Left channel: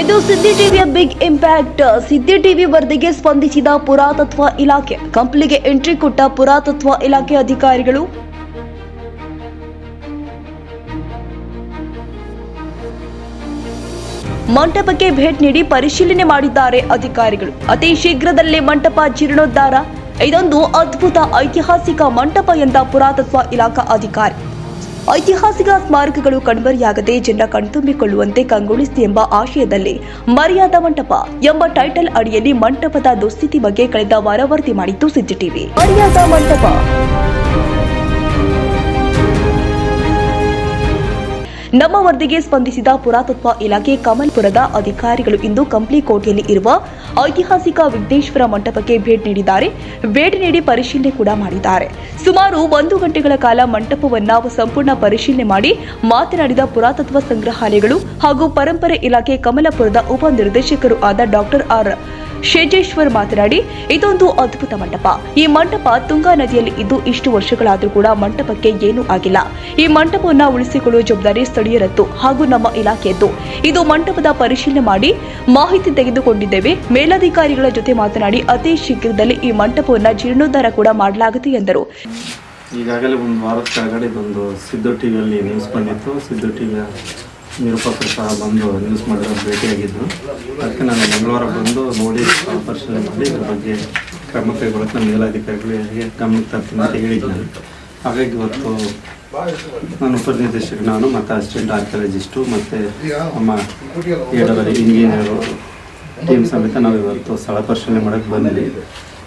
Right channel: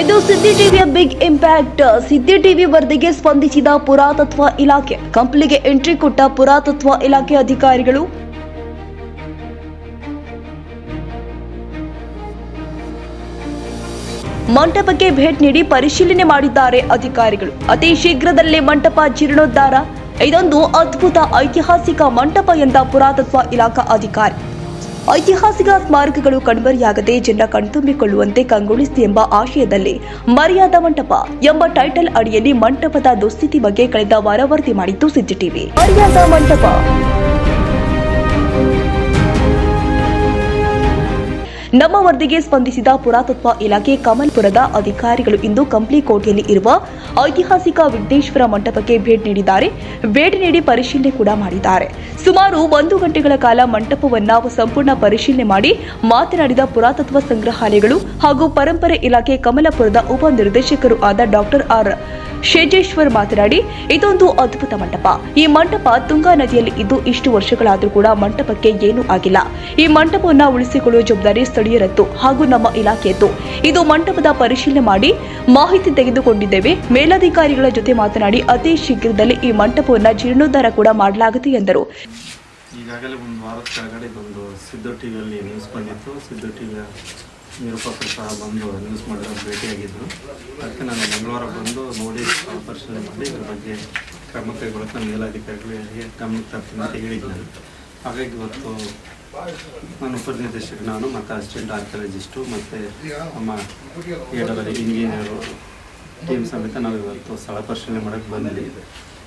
ಇದು ಸಿದ್ದಿ ಟಿವಿಯ big impact. ಸಿದ್ದಿ TV ವರದಿಗೆ ಸ್ಪಂದಿಸಿದ ಪುರಾತತ್ವ ಇಲಾಖೆ. ಕಂಪ್ಲಿಗೆ ಎಂಟ್ರಿ ಕೊಟ್ಟ ಪುರಾತತ್ವ ಇಲಾಖೆ ಅಧಿಕಾರಿಗಳು. ಮಂಟಪಕ್ಕೆ ಭೇಟಿ ನೀಡಿ ಪರಿಶೀಲನೆ ಮಾಡಿದ್ದಾರೆ ಅಧಿಕಾರಿಗಳು. ಅತಿ ಶೀಘ್ರದಲ್ಲೇ ಮಂಟಪ ಜೀರ್ಣೋದ್ಧಾರ. ಇದೊಂದು ಅದ್ಭುತ ಐತಿಹಾಸಿಕ ಮಂಟಪ ಎಂದ ಪುರಾತತ್ವ ಇಲಾಖಾ ಅಧಿಕಾರಿ. ಐತಿಹಾಸಿಕ ಸ್ಮಾರಕಗಳು ಕಣ್ಮರೆಯಾಗದೆ ಜನ ಕಣ್ತುಂಬಿಕೊಳ್ಳುವಂತೆ ಕಂಗೊಳಿಸಿ ಎಂಬ ಆಶಯದಲ್ಲಿ ಮರ್ಯಾದಾ ಮಂಟಪ ಎಂಬ ಟೈಟಲ್ ಅಡಿಯಲ್ಲಿ ಮಂಟಪದ ದುಸ್ಥಿತಿ ಬಗ್ಗೆ ಕಳೆದ ವಾರ ವರದಿ ಮಾಡಿತ್ತು ಸಿಜಿಟಿವಿ ಟಿವಿ. ಮರ್ಯಾದಾ ಮಂಟಪ. ನಮ್ಮ ವರದಿಗೆ ಸ್ಪಂದಿಸಿದ ಪುರಾತತ್ವ ಇಲಾಖೆ ಕಮಲ್ಪುರದ ಅಧಿಕಾರಿಗಳು ಇಂದು ಕಂಪ್ಲಿ ಕೋಟೆಯಲ್ಲಿ ಇರುವ ಐತಿಹಾಸಿಕ ವಿಘ್ನೇಶ್ವರ ಮಂಟಪಕ್ಕೆ ಭೇಟಿ ನೀಡಿದ್ದಾರೆ. ಭೇಟಿ ನೀಡಿ ಪರಿಶೀಲನೆ ಕೂಡ ಮಾಡಿದ್ದಾರೆ. ಸುಮಾರು ಒಂದು ಗಂಟೆಗಳ ಕಾಲ ಮಂಟಪವನ್ನು ಸಂಪೂರ್ಣ ಪರಿಶೀಲನೆ ಮಾಡಿ ಮಾತನಾಡಿದ ಪುರಾತತ್ವ ಸಂಗ್ರಹಾಲಯಗಳು ಹಾಗೂ ಪರಂಪರೆ ಇಲಾಖೆ ಕಮಲಪುರದ ಉಪ ನಿರ್ದೇಶಕರು ಆದ ಡಾಕ್ಟರ್ ಆರ್ ಶೇಜೇಶ್ವರ್ ಮಾತನಾಡಿ, ಇದೊಂದು ಅದ್ಭುತ ಮಂಟಪ. ಈ ಮಂಟಪ ತುಂಗಾ ನದಿಯಲ್ಲಿ ಇದ್ದು ಇಷ್ಟು ವರ್ಷಗಳಾದರೂ ಕೂಡ ಮಂಟಪಕ್ಕೆ ಏನೂ ಆಗಿಲ್ಲ. ಈ ಮಂಟಪವನ್ನು ಉಳಿಸಿಕೊಳ್ಳುವ ಜವಾಬ್ದಾರಿ ಸ್ಥಳೀಯರದ್ದು ಹಾಗೂ ನಮ್ಮ ಇಲಾಖೆಯದ್ದು. ಇದು ಮಂಟಪದ ಪರಿಶೀಲನೆ ಮಾಡಿ ಮಾಹಿತಿ ತೆಗೆದುಕೊಂಡಿದ್ದೇವೆ. ಮೇಲಾಧಿಕಾರಿಗಳ ಜೊತೆ ಮಾತನಾಡಿ, ಅತಿ ಶೀಘ್ರದಲ್ಲಿ ಈ ಮಂಟಪವನ್ನು ಜೀರ್ಣೋದ್ಧಾರ ಕೂಡ ಮಾಡಲಾಗುತ್ತೆ ಎಂದರು. ಈಗಾಗಲೇ ಒಂದು ವಾರದ ಕೆಳಗಡೆ ಇದೊಂದು ಸಿದ್ದು ಟಿವಿಯಲ್ಲಿ ನ್ಯೂಸ್ ಬಂದಿತ್ತು. ಸಿದ್ದು ಟಿ ವಿಯ ನಿರೂಪಕರು ಸಹ ಬಂದು ನ್ಯೂಸ್ ಮಾಡಿರೋ ಭೇಟಿಯಾಗಿದ್ದರು ಅದಕ್ಕೆ ನಾನು ಮಂಗಳವಾರ ಬಂದು ನೋಡಿ ಪರಿಶೀಲನೆ ಮಾಡಿ, ಇದ್ರ ಬಗ್ಗೆ ಕ್ರಮ ಕೈಗೊಳ್ಳಕ್ಕೆ ನಮ್ಮ ಮೇಲಾಧಿಕಾರಿಗಳಿಗೆ ಗಮನಕ್ಕೆ ತರ್ತೀನಿ ಅಂತ ಹೇಳಿದ್ದೆ ನಾನು. ಹಾಗಾಗಿ ಇವತ್ತು ನಾನು ಉಪನಿರ್ದೇಶಕ ನಾನು ಮತ್ತು ಅಸಿಸ್ಟೆಂಟ್ ಆರ್ಕಿಯಾಲಜಿಸ್ಟು ಮತ್ತು ನಮ್ಮ ಏಡವರಿ ಇಂಜಿನಿಯರು ಟೀಮ್ ಸಮೇತ ನಾವು ಇವತ್ತು ಸ್ಥಳ ಪರಿಶೀಲನೆ ಮಾಡೋಕ್ಕೆ ಬಂದಿದ್ದೀವಿ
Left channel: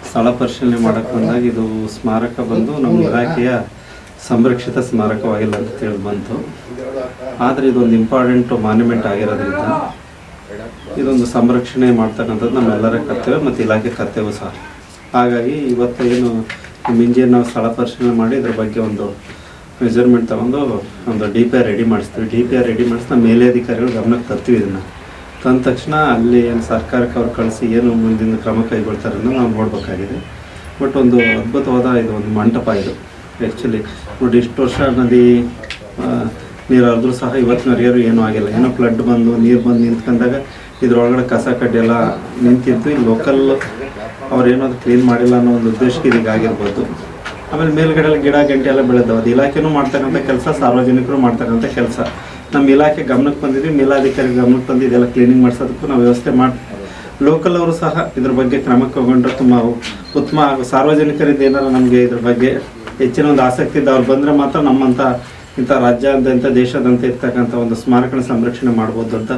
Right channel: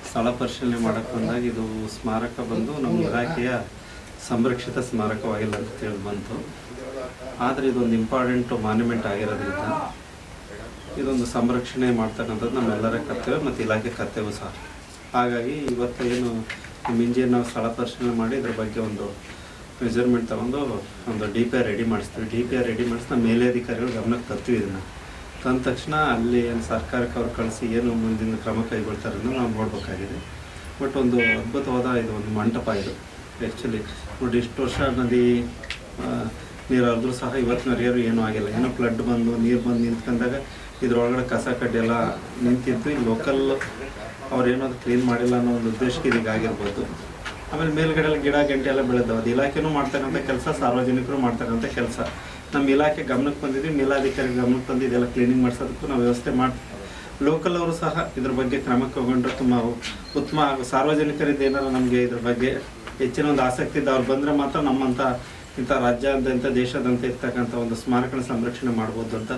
ಸ್ಥಳ ಪರಿಶೀಲನೆ ಮಾಡೋಕ್ಕೆ ಬಂದಾಗ ಇದು ಸ್ಮಾರಕ ಬಂದು ನಮ್ಮ ಇಲಾಖೆಯ ಸಂರಕ್ಷಿತ ಸ್ಮಾರಕವಾಗಿಲ್ಲ ಅಂತ ತಿಳಿದು ಬಂತು. ಆದರೆ ಇದೊಂದು ಇಂಪಾರ್ಟೆಂಟ್ ಮಾನ್ಯುಮೆಂಟ್ ಆಗಿರೋದ್ರಿಂದ ಇದೊಂದು ಸಂರಕ್ಷಣೆ ಮಾಡ್ತಕ್ಕಂಥದ್ದು ನಮ್ಮೆಲ್ಲರ ಕರ್ತವ್ಯ ಮತ್ತು ಇಲಾಖೆ ಕರ್ತವ್ಯ ಸಹ. ಹಾಗಾಗಿ ಇವತ್ತು ಏನು ನಮ್ಮ ಇಂಜಿನಿಯರ್ ನಾವು ಸ್ಥಳ ಪರಿಶೀಲನೆ ಮಾಡಿ ಇದ್ರ ಬಗ್ಗೆ ಒಂದು ಮೆಜರ್ಮೆಂಟ್ ತಗೊಂಡು ಒಂದು ಡಿ ಪಿ ಆರ್ ರೆಡಿ ಮಾಡಿಸ್ತೀವಿ. ಡಿ ಪಿ ಆರ್ ರೆಡಿ ಮಾಡಿಸಿ ನಮ್ಮ ಮೇಲಧಿಕಾರಿಗಳು ಗಮನಕ್ಕೆ ತರ್ತೀವಿ ಇದನ್ನು. ತಂದ ತಕ್ಷಣ ಅಲ್ಲಿ ಏನು ಸರ್ಕಾರಕ್ಕೆ ಅವ್ರು ಕಳಿಸಿ ಏನು ಮುಂದಿನ ಕ್ರಮ ಕೈಗೊಳ್ತಾರೆ ಅನ್ನೋದು ನಾವು ನೋಡಬೇಕಾಗಿದೆ. ಬಟ್ ಒಂದು ಅದ್ಭುತವಾದ ಇದು ಒಂದು ಮಂಟಪ ಇದು. ಆ್ಯಕ್ಚುಲಿ ನೋಡಿ ಇಷ್ಟು ವರ್ಷ ನದಿ ನೀರಾದ್ರೂ ಸಹ ಇವತ್ತಿನ ಇವತ್ತಿನವರೆಗೂ ಏನೂ ಆಗಿಲ್ಲ. ಏನೋ ಫ್ಲಡ್ ಬಂದು, ನೀರು ಬಂದು ನಿಂತ್ಕೊಂಡಾಗ ಇದ್ರೊಳಗಡೆ ಕಸ ಕಡ್ಡಿ ಎಲ್ಲ ನಿಂತಿದ್ದು ಈ ಲೋಕಲ್ ಅವ್ರೇನೋ ಅದು ಕ್ಲೀನ್ ಮಾಡಿಲ್ಲ ಅನ್ನೋ ಒಂದು ಉದ್ದೇಶಕ್ಕೆ ಇದೀಗ ಆಗಿರ್ಬೋದು. ಆಮೇಲೆ ಮೇಲ್ಗಡೆ ಗಿಡ, ಗಂಟೆ ಎಲ್ಲ ಬೆಳೆದವು. ಅದು ಇಲಾಖೆನೂ ಮಾಡ್ತಕ್ಕಂಥ ಕೆಲಸ, ಸಾರ್ವಜನಿಕರು ಮಾಡ್ತಕ್ಕಂಥ ಕೆಲಸ. ನಮ್ಮ ಇಲಾಖೆ ಗಮನಕ್ಕೆ ಬಂದಿದ್ವಿ ಮೇಲಾಧಿಕಾರಿ ಗಮನಕ್ಕೆ ಬಂದು ಇದೆಲ್ಲ ಕ್ಲೀನಿಂಗ್ ಮಾಡಿಸೋದಕ್ಕೂ ನಾವು ವ್ಯವಸ್ಥೆ ಮಾಡಿ ಲೋಕಲ್ ಅವರು ಸಹ ಇದ್ರ ಬಗ್ಗೆ ಕ್ರಮ ಕೈಗೊಂಡ್ರೆ ತುಂಬ ಉತ್ತಮ ಹಾಗೂ ಸಾರ್ವಜನಿಕರಿಂದ ಏನಾರ ನಮಗೆ ಇದ್ರ ಬಗ್ಗೆ ಹೆಚ್ಚಿನ ಒಂದು ಆಸಕ್ತಿ ಇದ್ದ ಅವ್ರು ಬಂದರೆ ಮಾತ್ರ ನಮ್ಮಂಥ ಇಂಥ ರಾಜ್ಯಾದ್ಯಂತ ದೇಶಾದ್ಯಂತ ಇರ್ತಕ್ಕಂಥ ಒಂದು ಸ್ಮಾರಕನ ಸಂರಕ್ಷಣೆ ಮಾಡ್ಬೋದು ಅಂತ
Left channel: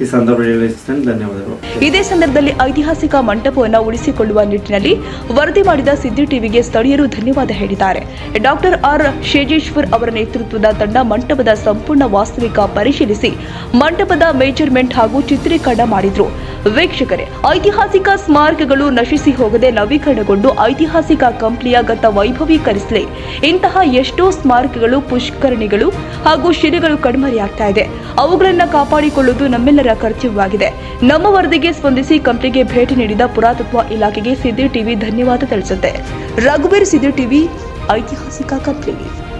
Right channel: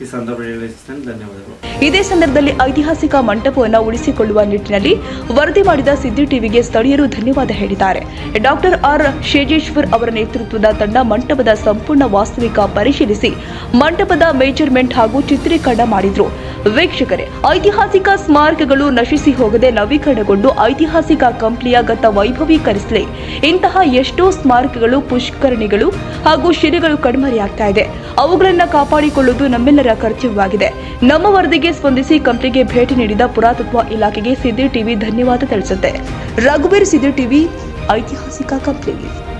ಈ ಸಂದರ್ಭದಲ್ಲಿ ಧನ್ಯವಾದಗಳು. ಇದೇ ಸಂದರ್ಭದಲ್ಲಿ ಐತಿಹಾಸಿಕ ಮಂಟಪವನ್ನು ಉಳಿಸಿಕೊಳ್ಳುವ ನಿಟ್ಟಿನಲ್ಲಿ ವರದಿ ಮಾಡಿದ ಸಿದ್ದಿ ಟಿವಿಗೆ ಸ್ಥಳೀಯರು ಧನ್ಯವಾದ ಹೇಳಿದ್ದಾರೆ. ಡಾಕ್ಟರ್ ಆರ್ ಶೇಜೇಶ್ವರ್ ಅವರ ನೇತೃತ್ವದ ತಂಡ ಮಂಟಪದ ಸಂಪೂರ್ಣ ವಾಸ್ತವಿಕ ಪರಿಶೀಲಿಸಿ ಮಂಟಪದ ಮೇಜರ್ಮೆಂಟ್ ಹಾಗೂ ಚಿತ್ರೀಕರಣ ಮಾಡಿದ್ರು. ವೀಕ್ಷಕರೇ, ಐತಿಹಾಸಿಕ ಸ್ಮಾರಕಗಳು ನಶಿಸಿ ಹೋಗದೆ ನವೀಕರಣಗೊಂಡು ಐತಿಹಾಸಿಕ ಕಂಪ್ಲಿಯ ಗತ ವೈಭವೀಕರಿಸಲಿ. ಇಂತಹ ಎಷ್ಟೋ ಸ್ಮಾರಕಗಳು, ಪುಷ್ಕರಣಿಗಳು ಹಾಗೂ ಶಿಲೆಗಳು ಕಣ್ಮರೆಯಾಗ್ತಾ ಇದೆ. ಅವುಗಳನ್ನು ಕಾಪಾಡಿಕೊಳ್ಳುವುದು ನಮ್ಮೆಲ್ಲರ ಕರ್ತವ್ಯವಾಗಿದೆ ನಮ್ಮ ವರದಿಗೆ ಸ್ಪಂದಿಸಿ ಕಂಪ್ನಿಗೆ ಭೇಟಿ ನೀಡಿದ ಪುರಾತತ್ವ ಇಲಾಖೆಗೆ ಸಿದ್ದಿ ಟಿವಿ ಧನ್ಯವಾದ ತಿಳಿಸುತ್ತೆ. ರಘುವೀರ್ ಸಿದ್ದಿ ಟಿವಿ, ಐತಿಹಾಸಿಕ ಕಂಪ್ನಿ